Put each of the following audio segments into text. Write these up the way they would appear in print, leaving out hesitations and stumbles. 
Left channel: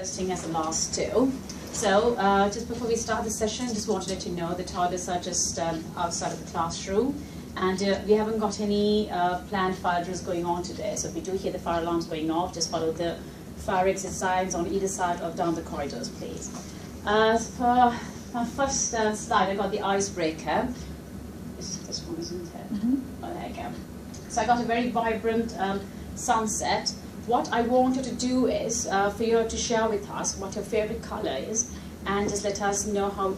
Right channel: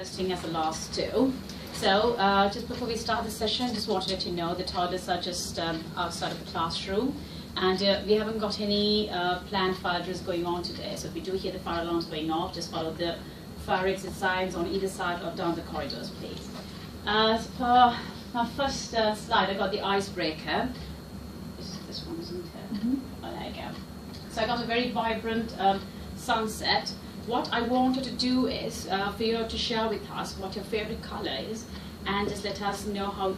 interesting as the last two. So just before we start the session, just wanted to let you know the toilets are just outside of the classroom, and we haven't got any planned fire drills going on today. So if you do hear the fire alarms going off, just follow the fire exit signs on either side or down the corridors, please. For my first slide, I got the icebreaker. This one, isn't it? Mm-hmm. Oh, there you go. So I got a very vibrant sunset. What I wanted to do is for you to share with us what your favorite color is, and just let us know how,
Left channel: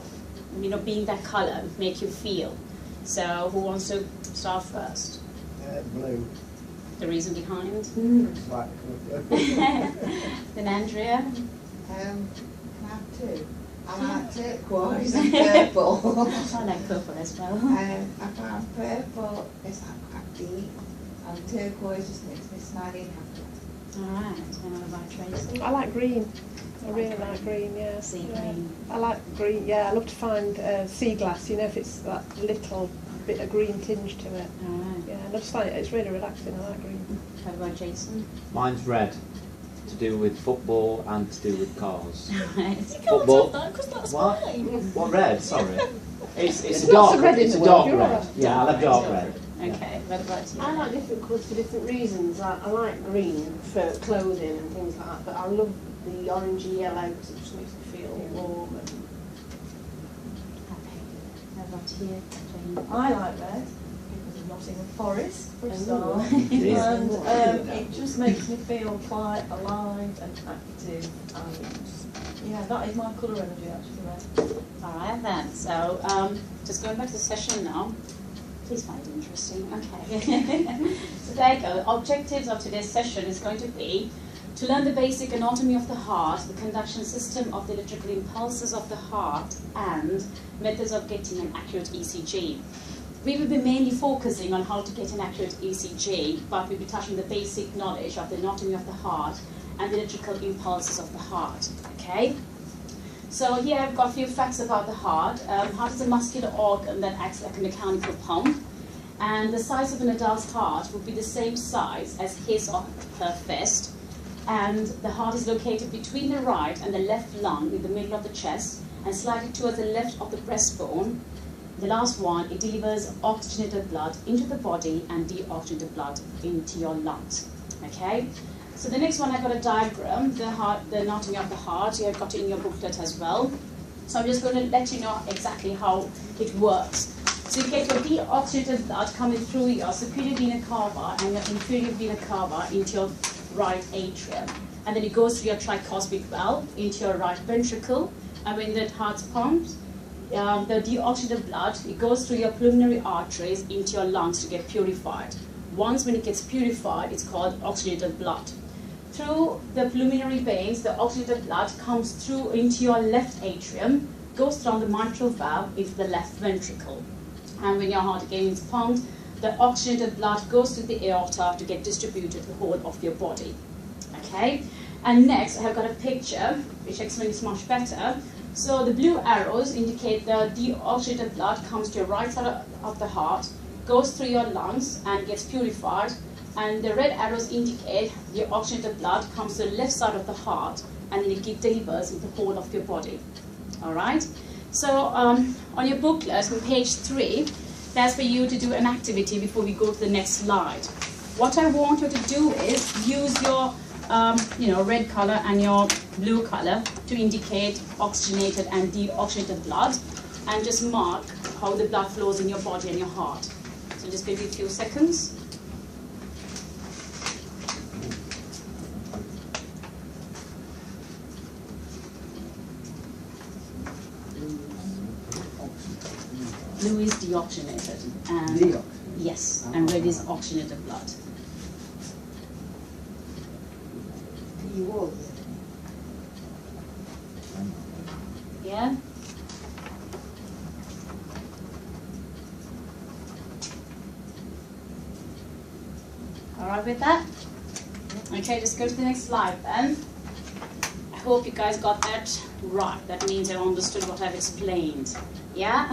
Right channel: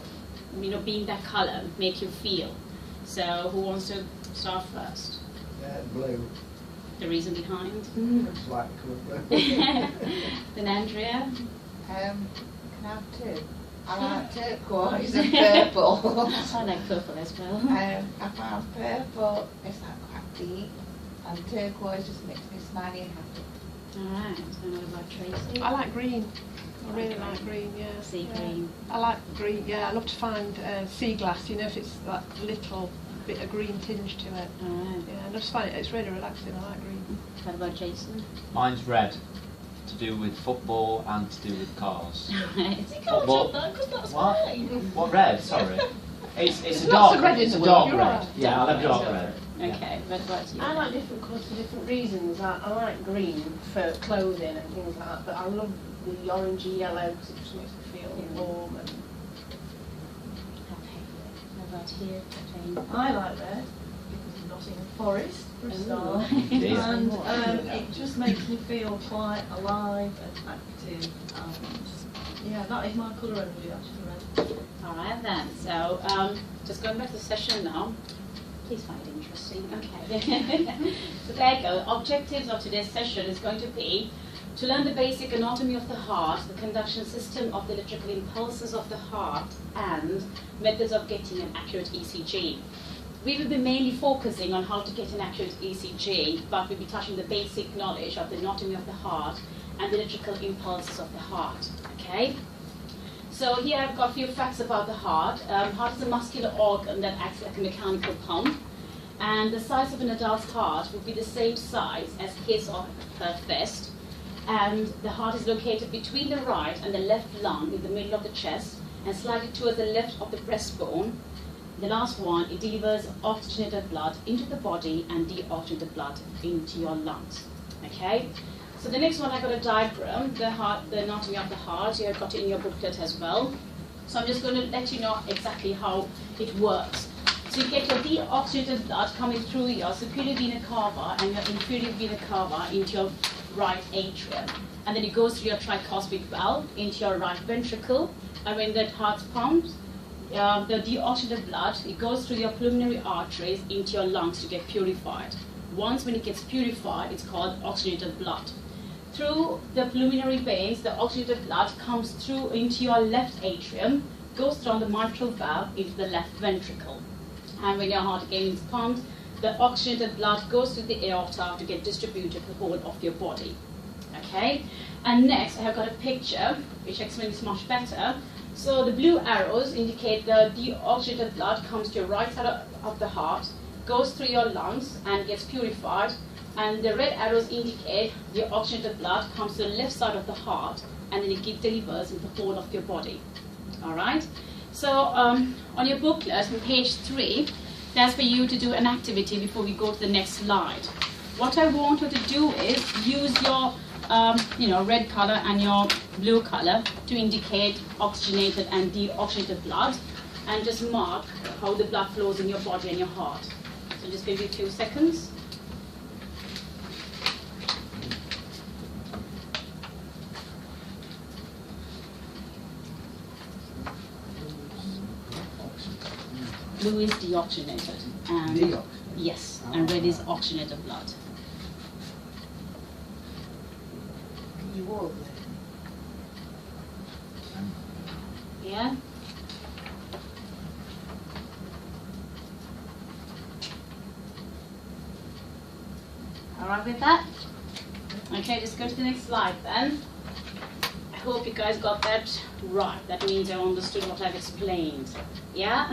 being that color make you feel. So who wants to start first? Blue. The reason behind? It's like the colour blue. Then Andrea? Can I have two? I like turquoise and purple. I like purple as well. I found purple is like quite deep, and turquoise just makes me smiley and happy. Alright, so what about Tracy? I like green. I really like green, yeah. Sea yeah. green. I like green, yeah. I love to find sea glass, if it's that little bit of green tinge to it. Alright. Yeah, I just find it's really relaxing. I like green. What about Jason? Mine's red, to do with football and to do with cars. Right. Football. Because that's What? mine. What red? Sorry. It's There's a dark lots of red in it's the a world, dark you're red. right. Yeah, I love dark red. Okay, what about you? I like different colours for different reasons. I like green for clothing and things like that, but I love the orangey yellow because it just makes me feel warm. And Happy. What about you, Jane? I like red because of Nottingham Forest for a start, Yeah. and it just makes me feel quite alive and active, and yeah, that is my colour energy actually, red. Alright then, so just going back to the session now. Please find it interesting. Okay. So there you go. Objectives of today's session is going to be to learn the basic anatomy of the heart, the conduction system of the electrical impulses of the heart, and methods of getting an accurate ECG. We will be mainly focusing on how to get an accurate ECG, but we'll be touching the basic knowledge of the anatomy of the heart and the electrical impulses of the heart. Okay? So here I've got a few facts about the heart. Heart is a muscular organ that acts like a mechanical pump, and the size of an adult's heart would be the same size as his or her fist. And the heart is located between the right and the left lung in the middle of the chest and slightly towards the left of the breastbone. The last one, it delivers oxygenated blood into the body and deoxygenated blood into your lungs. Okay? So the next one, I've got a diagram, the anatomy of the heart. You have got it in your booklet as well. So I'm just going to let you know exactly how it works. So you get your deoxygenated blood coming through your superior vena cava and your inferior vena cava into your right atrium. And then it goes through your tricuspid valve into your right ventricle. And when that heart's pumped, the deoxygenated blood, it goes through your pulmonary arteries into your lungs to get purified. Once when it gets purified, it's called oxygenated blood. Through the pulmonary veins, the oxygenated blood comes through into your left atrium, goes down the mitral valve into the left ventricle. And when your heart again is pumped, the oxygenated blood goes through the aorta to get distributed to the whole of your body. Okay? And next, I have got a picture which explains much better. So the blue arrows indicate the deoxygenated blood comes to your right side of the heart, goes through your lungs and gets purified. And the red arrows indicate the oxygenated blood comes to the left side of the heart and it delivers in the whole of your body. All right? So on your booklet, on page 3, that's for you to do an activity before we go to the next slide. What I want you to do is use your red color and your blue color to indicate oxygenated and deoxygenated blood, and just mark how the blood flows in your body and your heart. So just maybe a few seconds. Blue is deoxygenated, and yes, and red is oxygenated blood. You would. Yeah. All right with that? Okay, just go to the next slide then. I hope you guys got that right. That means you understood what I've explained. Yeah?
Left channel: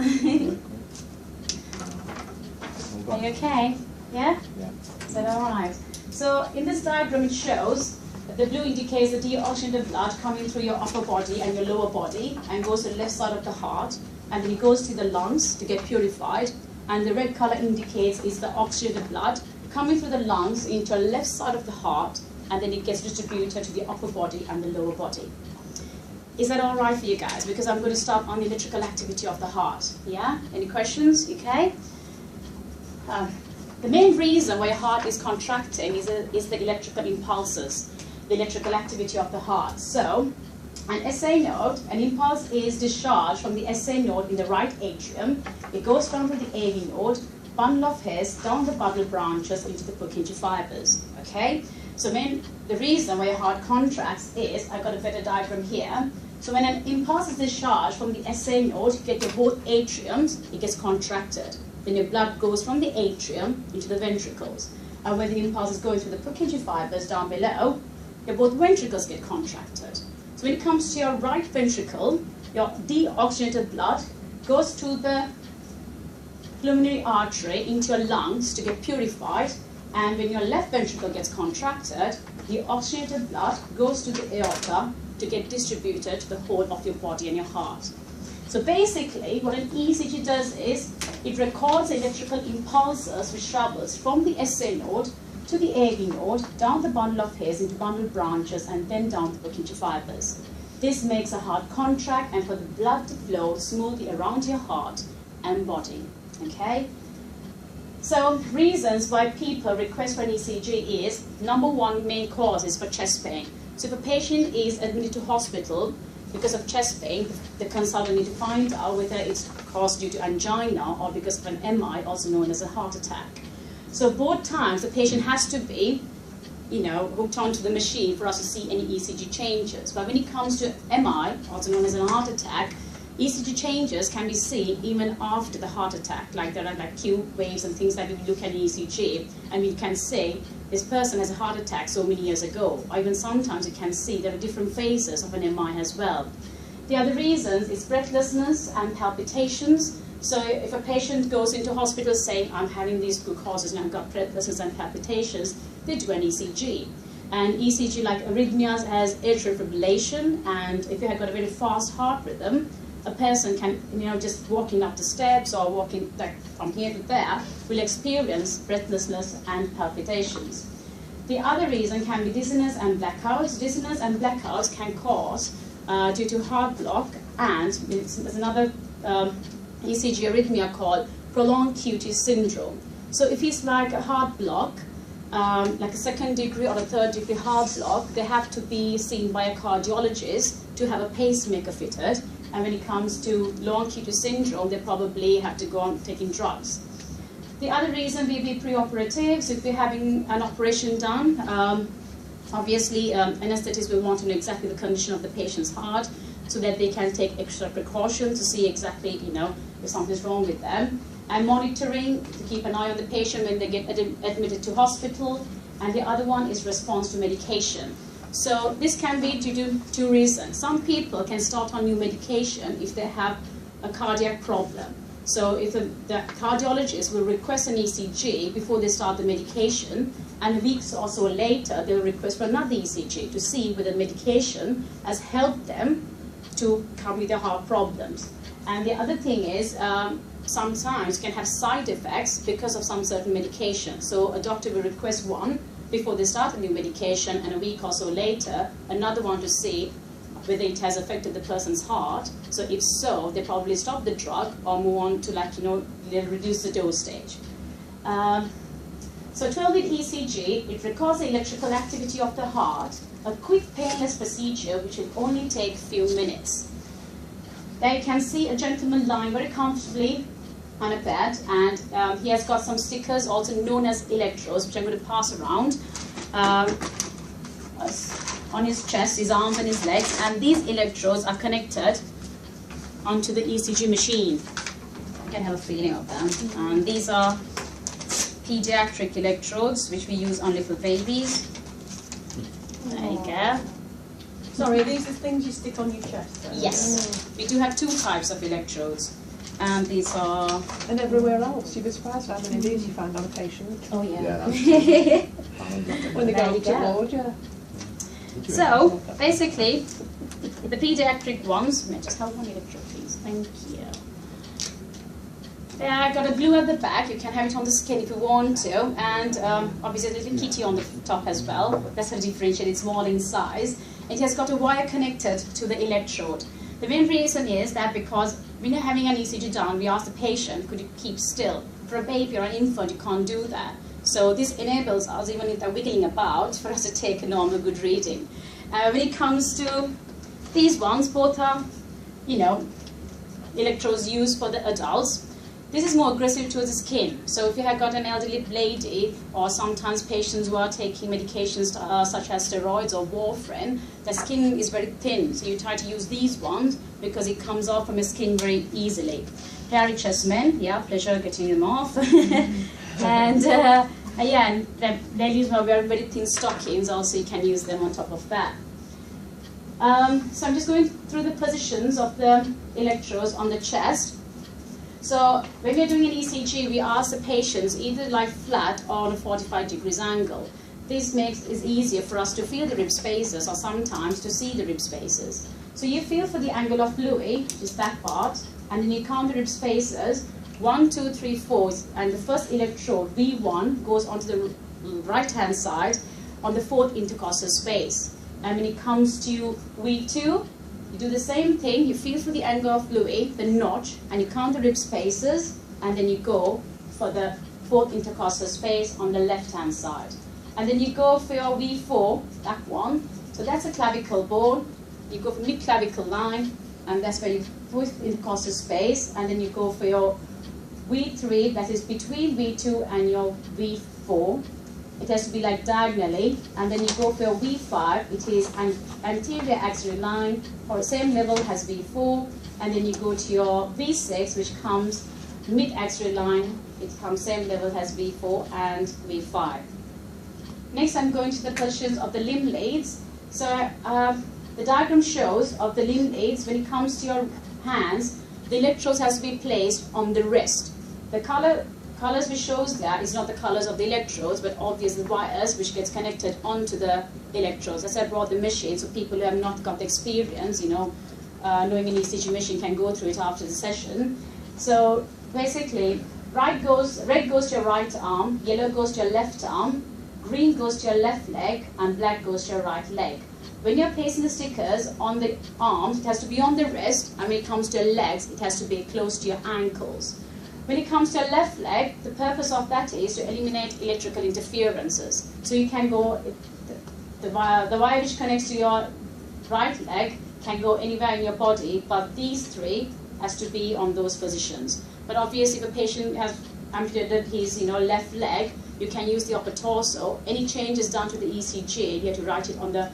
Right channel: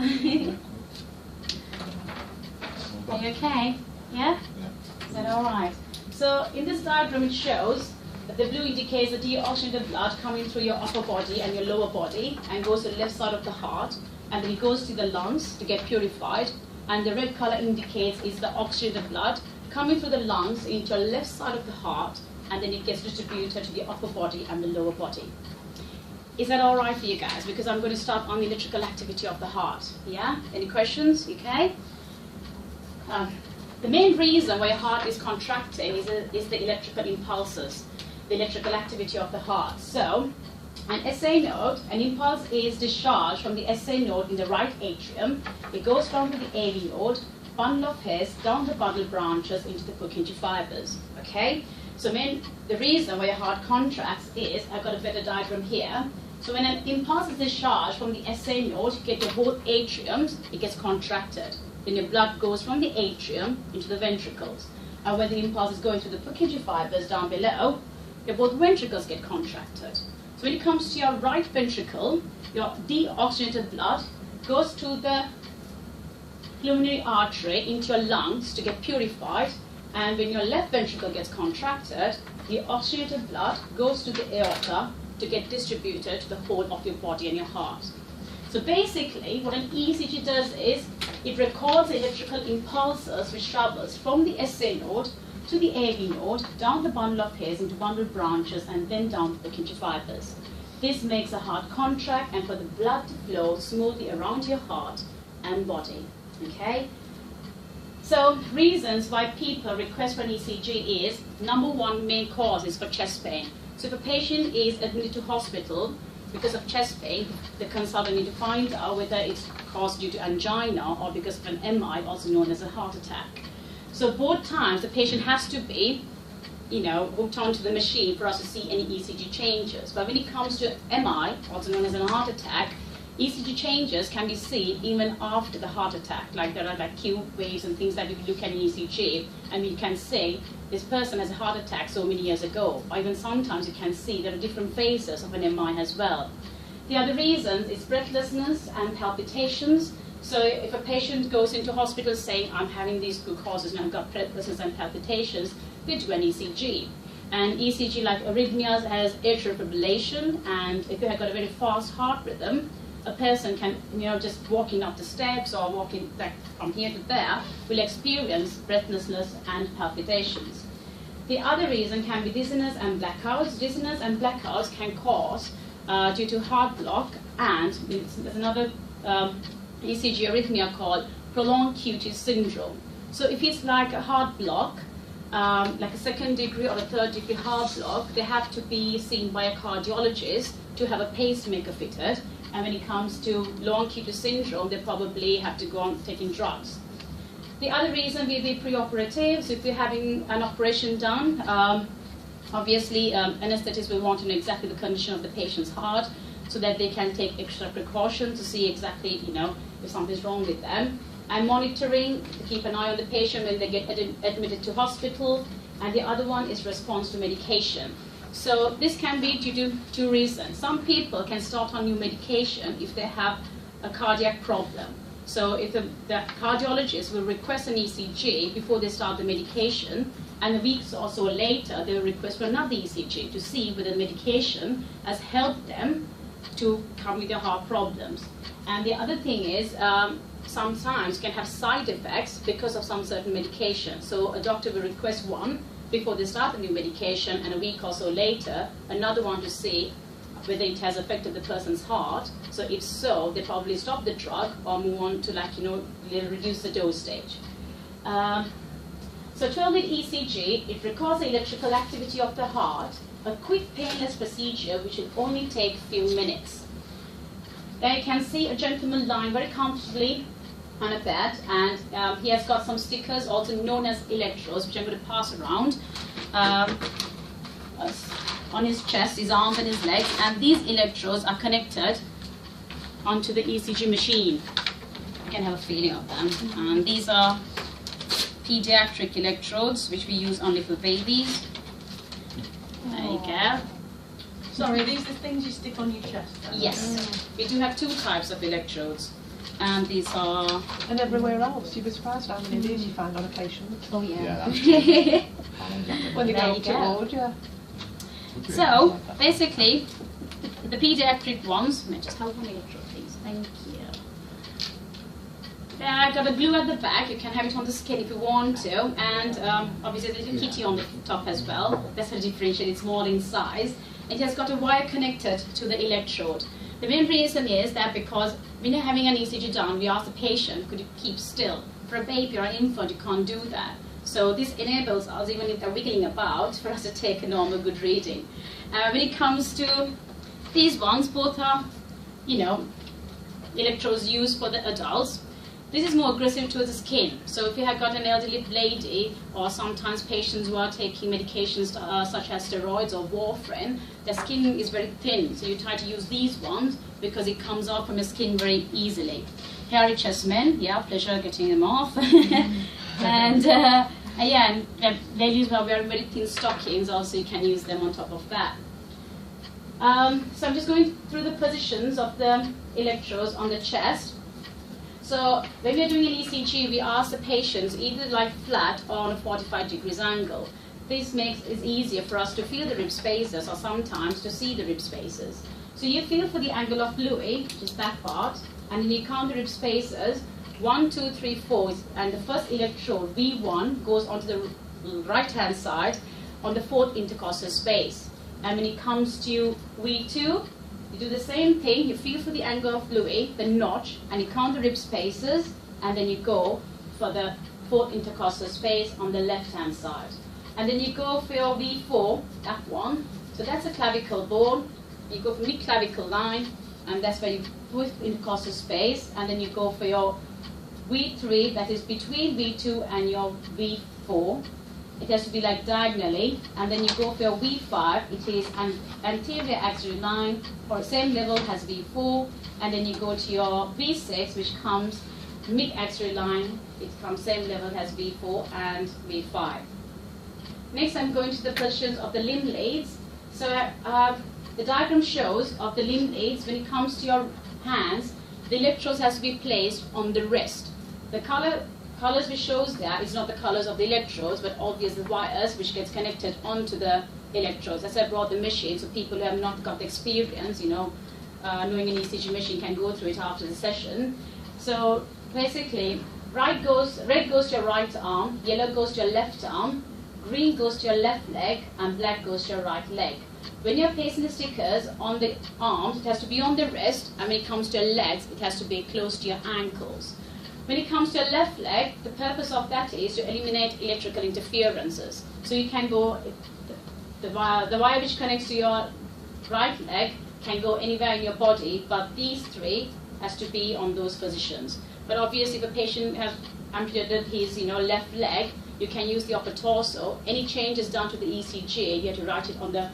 Are you okay? Yeah? Yeah. Is that all right? So in this diagram it shows The blue indicates the deoxygenated blood coming through your upper body and your lower body and goes to the left side of the heart, and then it goes to the lungs to get purified. And the red color indicates is the oxygenated blood coming through the lungs into the left side of the heart, and then it gets distributed to the upper body and the lower body. Is that all right for you guys? Because I'm going to start on the electrical activity of the heart. Yeah? Any questions? Okay. The main reason why your heart is contracting is the electrical impulses, the electrical activity of the heart. So, an SA node, an impulse is discharged from the SA node in the right atrium. It goes down to the AV node, bundle of hairs, down the bundle branches into the Purkinje fibers. Okay? So the reason why your heart contracts is, I've got a better diagram here. So when an impulse is discharged from the SA node, you get your both atriums, it gets contracted. Then your blood goes from the atrium into the ventricles. And when the impulse is going through the Purkinje fibers down below, your both ventricles get contracted. So when it comes to your right ventricle, your deoxygenated blood goes to the pulmonary artery into your lungs to get purified. And when your left ventricle gets contracted, the oxygenated blood goes to the aorta to get distributed to the whole of your body and your heart. So basically, what an ECG does is, it records electrical impulses which travels from the SA node to the AV node, down the bundle of hairs into bundle branches, and then down the Purkinje fibers. This makes the heart contract and for the blood to flow smoothly around your heart and body. Okay? So reasons why people request for an ECG is, number one main cause is for chest pain. So if a patient is admitted to hospital because of chest pain, the consultant needs to find out whether it's caused due to angina or because of an MI, also known as a heart attack. So both times the patient has to be, hooked onto the machine for us to see any ECG changes. But when it comes to MI, also known as a heart attack, ECG changes can be seen even after the heart attack. Like there are like Q waves and things that you look at in ECG, and you can say this person has a heart attack so many years ago. Or even sometimes you can see there are different phases of an MI as well. The other reasons is breathlessness and palpitations. So if a patient goes into hospital saying, I'm having these two causes and I've got breathlessness and palpitations, they do an ECG. And ECG, like arrhythmias, has atrial fibrillation, and if you have got a very fast heart rhythm, a person can, just walking up the steps or walking like from here to there, will experience breathlessness and palpitations. The other reason can be dizziness and blackouts. Dizziness and blackouts can cause due to heart block, and there's another ECG arrhythmia called prolonged QT syndrome. So if it's like a heart block, like a second degree or a third degree heart block, they have to be seen by a cardiologist to have a pacemaker fitted. And when it comes to long QT syndrome, they probably have to go on taking drugs. The other reason may be preoperative. So if they're having an operation done, obviously anesthetists will want to know exactly the condition of the patient's heart so that they can take extra precautions to see exactly, if something's wrong with them. And monitoring to keep an eye on the patient when they get admitted to hospital. And the other one is response to medication. So this can be due to two reasons. Some people can start on new medication if they have a cardiac problem. So if the cardiologist will request an ECG before they start the medication, and weeks or so later they'll request for another ECG to see whether the medication has helped them to come with their heart problems. And the other thing is, sometimes can have side effects because of some certain medication. So a doctor will request one before they start the new medication, and a week or so later, another one to see whether it has affected the person's heart. So if so, they probably stop the drug or move on to they'll reduce the dose stage. So 12-lead ECG, it records the electrical activity of the heart, a quick painless procedure which will only take a few minutes. There you can see a gentleman lying very comfortably on a bed, and he has got some stickers, also known as electrodes, which I'm going to pass around on his chest, his arms and his legs, and these electrodes are connected onto the ECG machine. You can have a feeling of them. And these are pediatric electrodes, which we use only for babies. There you go. Sorry, these are things you stick on your chest then? Yes, we do have two types of electrodes. And these are... And everywhere else, you'd be surprised how many of these you find on a patient. Oh yeah. Yeah, When they There go you up to go. ward, yeah. So basically, the pediatric ones, may I just have one electrode, please? Thank you. I've got a blue at the back. You can have it on the skin if you want to, and obviously a little kitty on the top as well. That's how differentiate. It's small in size. It has got a wire connected to the electrode. The main reason is that because when you're having an ECG done, we ask the patient, could you keep still? For a baby or an infant, you can't do that. So this enables us, even if they're wiggling about, for us to take a normal good reading. When it comes to these ones, both are, electrodes used for the adults. This is more aggressive to the skin. So if you have got an elderly lady, or sometimes patients who are taking medications such as steroids or warfarin, their skin is very thin. So you try to use these ones because it comes off from your skin very easily. Hairy chest men, yeah, pleasure getting them off. And yeah, ladies who are wearing very thin stockings, also you can use them on top of that. So I'm just going through the positions of the electrodes on the chest. So when we are doing an ECG, we ask the patients either lie flat or on a 45 degrees angle. This makes it easier for us to feel the rib spaces or sometimes to see the rib spaces. So you feel for the angle of Louis, which is that part, and then you count the rib spaces, 1, 2, 3, 4, and the first electrode, V1, goes onto the right-hand side on the 4th intercostal space. And when it comes to V2, you do the same thing, you feel for the angle of Louis, the notch, and you count the rib spaces, and then you go for the 4th intercostal space on the left-hand side. And then you go for your V4, that one. So that's a clavicle bone. You go for mid-clavicle line, and that's where you put intercostal space, and then you go for your V3, that is between V2 and your V4. It has to be like diagonally, and then you go for your V5, it is an anterior axillary line, or the same level as V4, and then you go to your V6, which comes mid-axillary line, it comes same level as V4 and V5. Next, I'm going to the positions of the limb leads. So the diagram shows of the limb leads, when it comes to your hands, the electrodes has to be placed on the wrist. The colors which shows there is not the colors of the electrodes, but obviously the wires which gets connected onto the electrodes. As I brought the machine, so people who have not got the experience, knowing an ECG machine can go through it after the session. So basically, red goes to your right arm, yellow goes to your left arm, green goes to your left leg, and black goes to your right leg. When you're placing the stickers on the arms, it has to be on the wrist, and when it comes to your legs, it has to be close to your ankles. When it comes to your left leg, the purpose of that is to eliminate electrical interferences. So you can go, the wire which connects to your right leg can go anywhere in your body, but these three has to be on those positions. But obviously, if a patient has amputated his left leg, you can use the upper torso. Any changes done to the ECG, you have to write it on the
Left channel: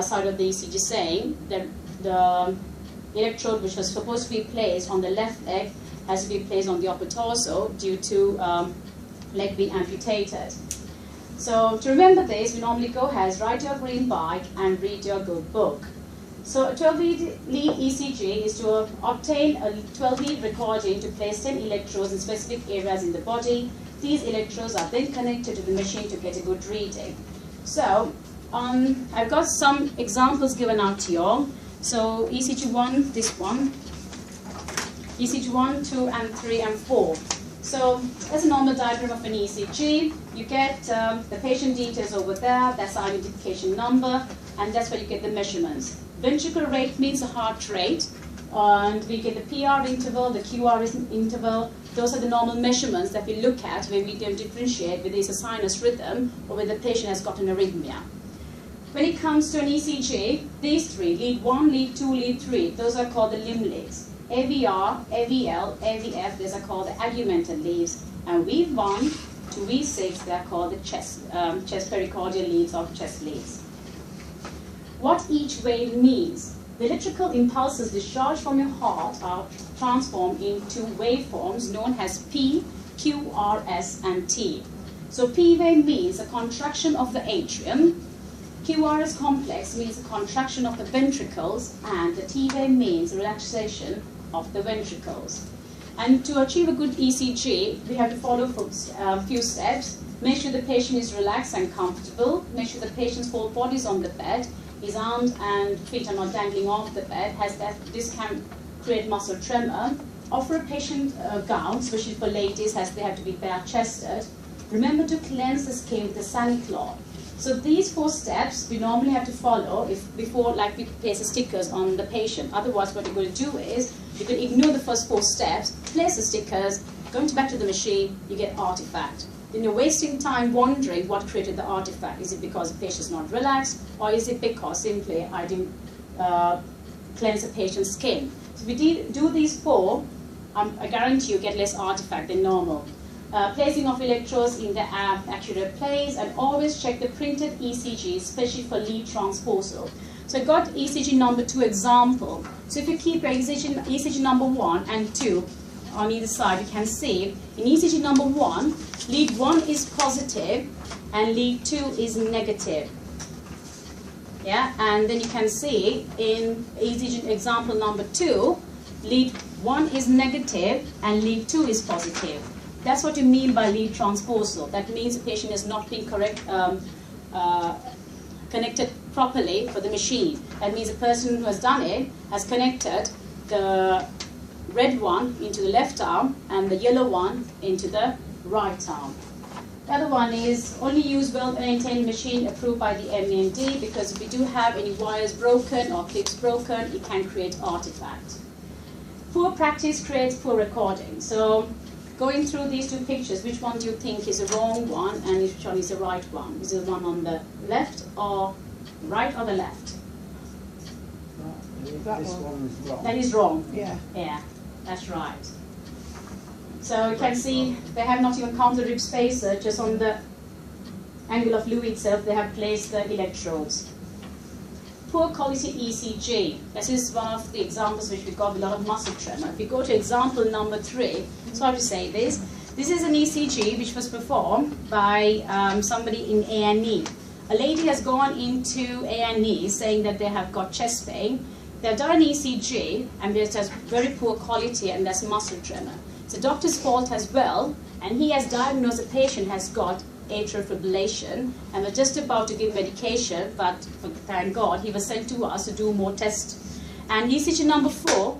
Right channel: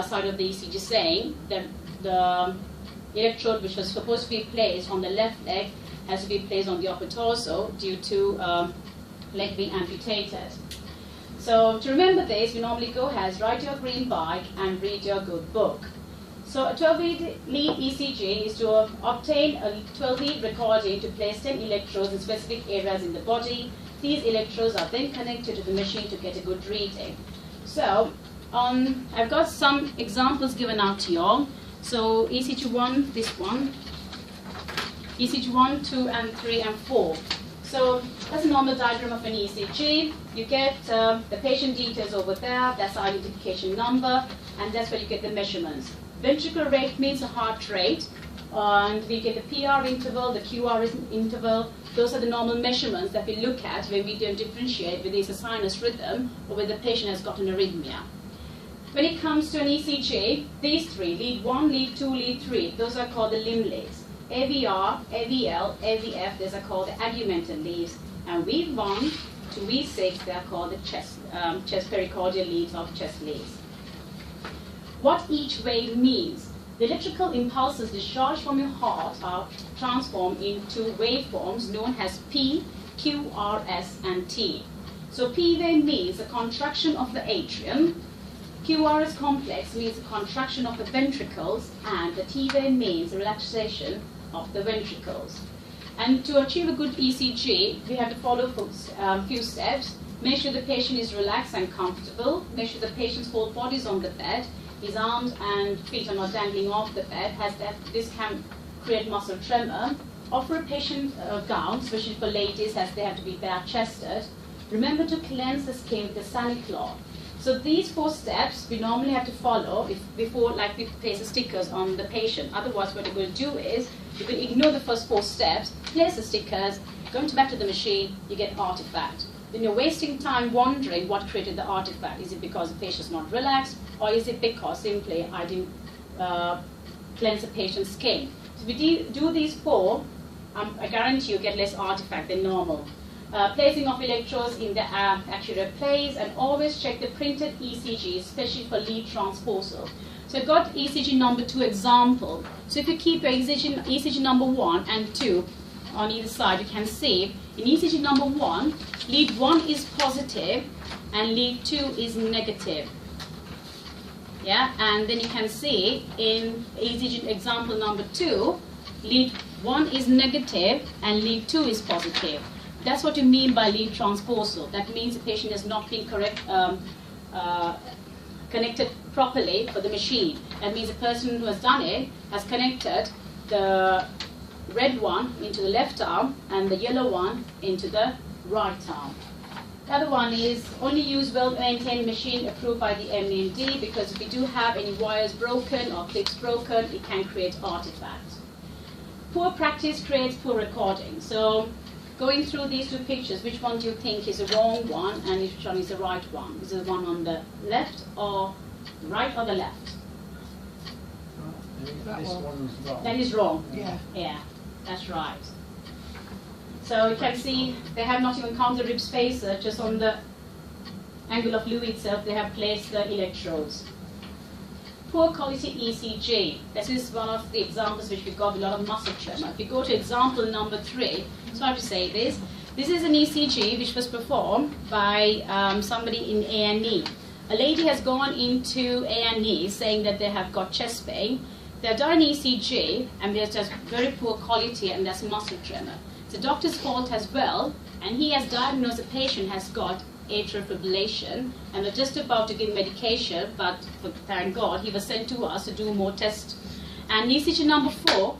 side of the ECG saying that the electrode which was supposed to be placed on the left leg has to be placed on the upper torso due to leg being amputated. So to remember this, we normally go ahead, write your green bike and read your good book. So a 12-lead ECG is to obtain a 12-lead recording to place 10 electrodes in specific areas in the body. These electrodes are then connected to the machine to get a good reading. So I've got some examples given out to you all. So ECG 1, this one, ECG 1, 2, and 3, and 4. So that's a normal diagram of an ECG. You get the patient details over there, that's the identification number, and that's where you get the measurements. Ventricular rate means the heart rate, and we get the PR interval, the QR interval. Those are the normal measurements that we look at when we don't differentiate whether it's a sinus rhythm or whether the patient has got an arrhythmia. When it comes to an ECG, these three, lead 1, lead 2, lead 3, those are called the limb leads. AVR, AVL, AVF, these are called the augmented leads. And V1 to V6, they're called the chest pericardial leads or chest leads. What each wave means. The electrical impulses discharged from your heart are transformed into waveforms known as P, Q, R, S, and T. So P wave means a contraction of the atrium, QRS complex means a contraction of the ventricles, and the T wave means relaxation of the ventricles. And to achieve a good ECG, we have to follow a few steps. Make sure the patient is relaxed and comfortable. Make sure the patient's whole body is on the bed. his arms and feet are not dangling off the bed, this can create muscle tremor. Offer a patient gown, especially for ladies as they have to be bare-chested. Remember to cleanse the skin with a sani cloth. So these 4 steps we normally have to follow before like we place the stickers on the patient. Otherwise what you're going to do is you can ignore the first 4 steps, place the stickers, go back to the machine, you get artifact. Then you're wasting time wondering what created the artifact. Is it because the patient's not relaxed, or is it because simply I didn't cleanse the patient's skin? So if we do these 4, I guarantee you get less artifact than normal. Placing of electrodes in the accurate place, and always check the printed ECG, especially for lead transposal. So I got ECG number 2 example. So if you keep your ECG number 1 and 2 on either side, you can see in ECG number 1, lead 1 is positive and lead 2 is negative. Yeah, and then you can see in ECG example number 2, lead 1 is negative and lead 2 is positive. That's what you mean by lead transposal. That means the patient has not been connected properly for the machine. That means the person who has done it has connected the red one into the left arm and the yellow one into the right arm. The other one is only use well-maintained machine approved by the MND, because if we do have any wires broken or clips broken, it can create artifacts. Poor practice creates poor recording. So going through these 2 pictures, which one do you think is the wrong one and which one is the right one? Is it the one on the left or right or the left? This one's wrong. That is wrong. Yeah. Yeah, that's right. So you can see they have not even counted the rib spacer, just on the angle of Lou itself they have placed the electrodes. Poor quality ECG. This is one of the examples which we got a lot of muscle tremor. If we go to example number 3, sorry to say this, this is an ECG which was performed by somebody in A&E. A lady has gone into A&E saying that they have got chest pain. They've done an ECG and there's just very poor quality and there's muscle tremor. It's the doctor's fault as well, and he has diagnosed the patient has got atrial fibrillation, and we're just about to give medication, but thank God he was sent to us to do more tests. And ECG number 4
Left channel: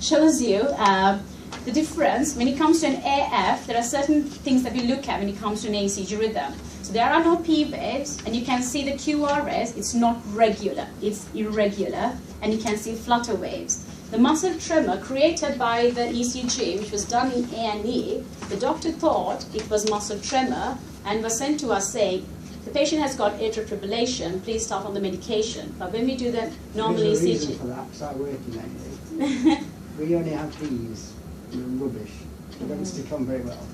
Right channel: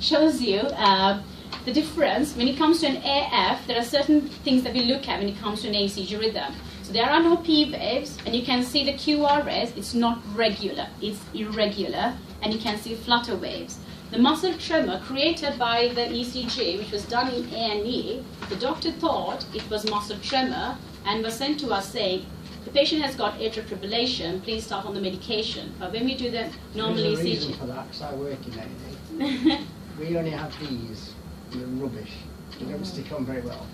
shows you the difference when it comes to an AF. There are certain things that we look at when it comes to an ECG rhythm. So there are no P waves, and you can see the QRS. It's not regular, it's irregular, and you can see flutter waves. The muscle tremor created by the ECG, which was done in A&E, the doctor thought it was muscle tremor and was sent to us saying, the patient has got atrial fibrillation, please start on the medication. But when we do the normal There's a ECG... reason for that, because I work in A&E. We only have these, they're rubbish. They don't stick on very well.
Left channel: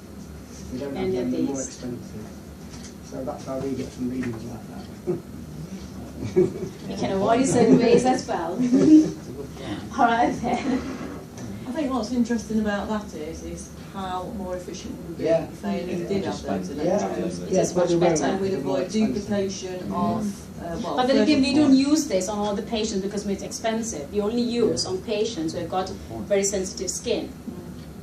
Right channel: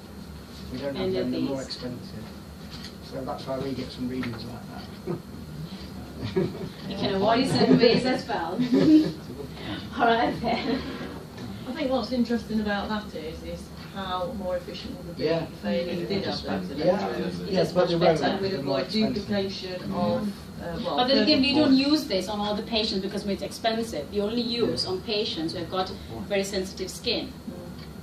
We don't have them, they're more expensive. So that's why we get some readings like that. You can avoid certain ways as well. All right then. I think what's interesting about that is how more efficient would it be Yeah. if they did have those Yeah. electrodes. It's but much they better. won't. And we'd They're more avoid expensive. duplication of, well, But then again, we first of don't all- use this on all the patients because it's expensive. We only use on patients who have got very sensitive skin.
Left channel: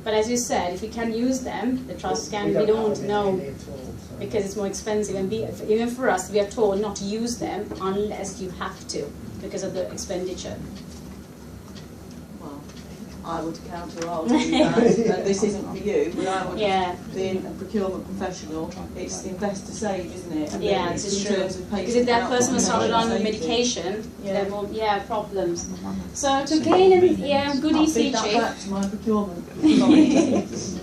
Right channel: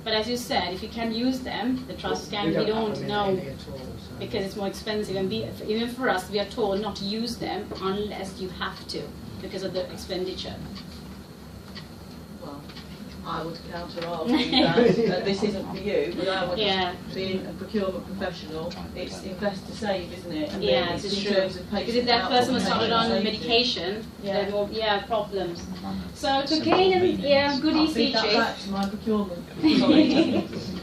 But as you said, if you can use them, the trust scan, we don't have them in know A&E at all, so- because it's more expensive. And even for us, we are told not to use them unless you have to because of the expenditure. Well, I would counter argue that this isn't for you, but I would, Yeah. being a procurement professional, it's invest to save, isn't it? And Yeah, then it's in true. terms of Because patient if that outcome person was and started on patient safety. medication, Yeah. then will problems. So to gain a good I'll feed that ECG, back to my procurement colleagues.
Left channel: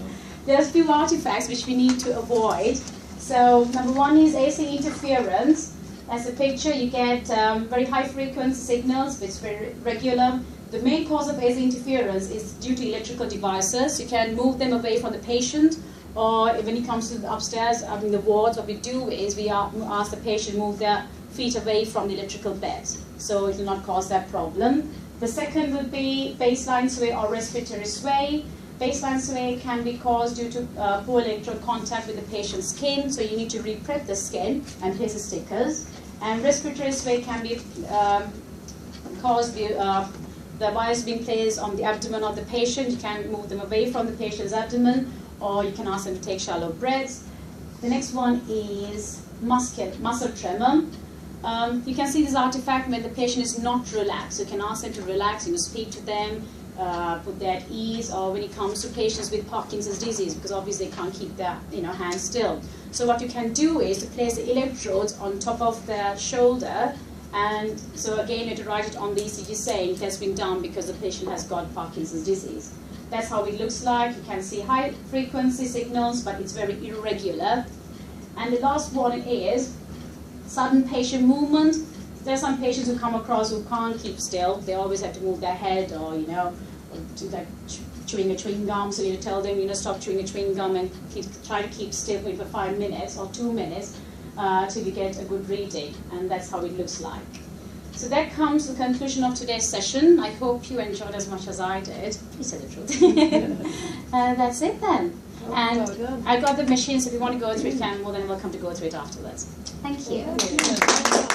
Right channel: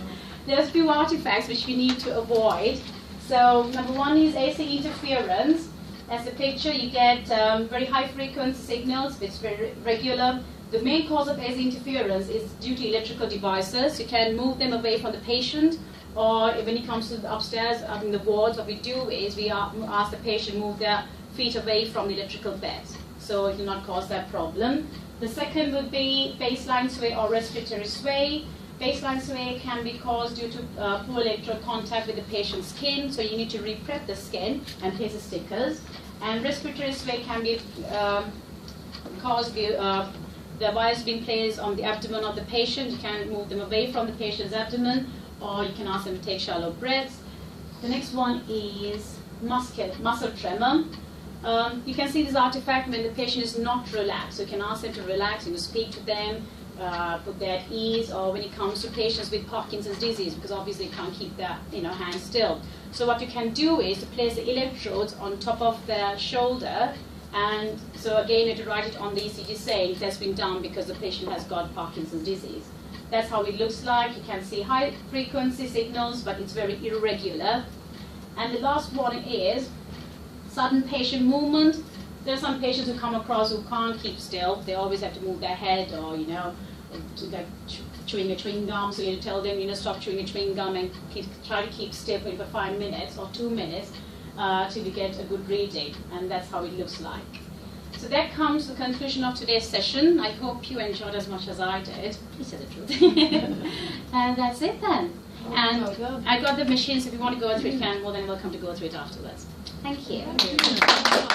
there's a few artifacts which we need to avoid. So number 1 is AC interference. As a picture, you get very high frequency signals, which is very regular. The main cause of AC interference is due to electrical devices. You can move them away from the patient, or when it comes to the upstairs, in the wards, what we do is we ask the patient to move their feet away from the electrical beds, so it will not cause that problem. The second would be baseline sway or respiratory sway. Baseline sway can be caused due to poor electrode contact with the patient's skin, so you need to re-prep the skin and place the stickers. And respiratory sway can be caused by the wires being placed on the abdomen of the patient. You can move them away from the patient's abdomen, or you can ask them to take shallow breaths. The next one is muscle tremor. You can see this artifact when the patient is not relaxed. You can ask them to relax, speak to them, put them at ease, or when it comes to patients with Parkinson's disease, because obviously they can't keep their hands still. So what you can do is to place the electrodes on top of the shoulder, and so again you have to write it on the ECG saying it has been done because the patient has got Parkinson's disease. That's how it looks like. You can see high frequency signals, but it's very irregular. And the last one is sudden patient movement. There are some patients who come across who can't keep still. They always have to move their head, or or like chewing a chewing gum. So you tell them, stop chewing a chewing gum and try to keep still for 5 minutes or 2 minutes till you get a good reading. And that's how it looks like. So that comes to the conclusion of today's session. I hope you enjoyed as much as I did. You said the truth. And that's it then. And I got the machine, so if you want to go through it, you're more than welcome to go through it afterwards. Thank you.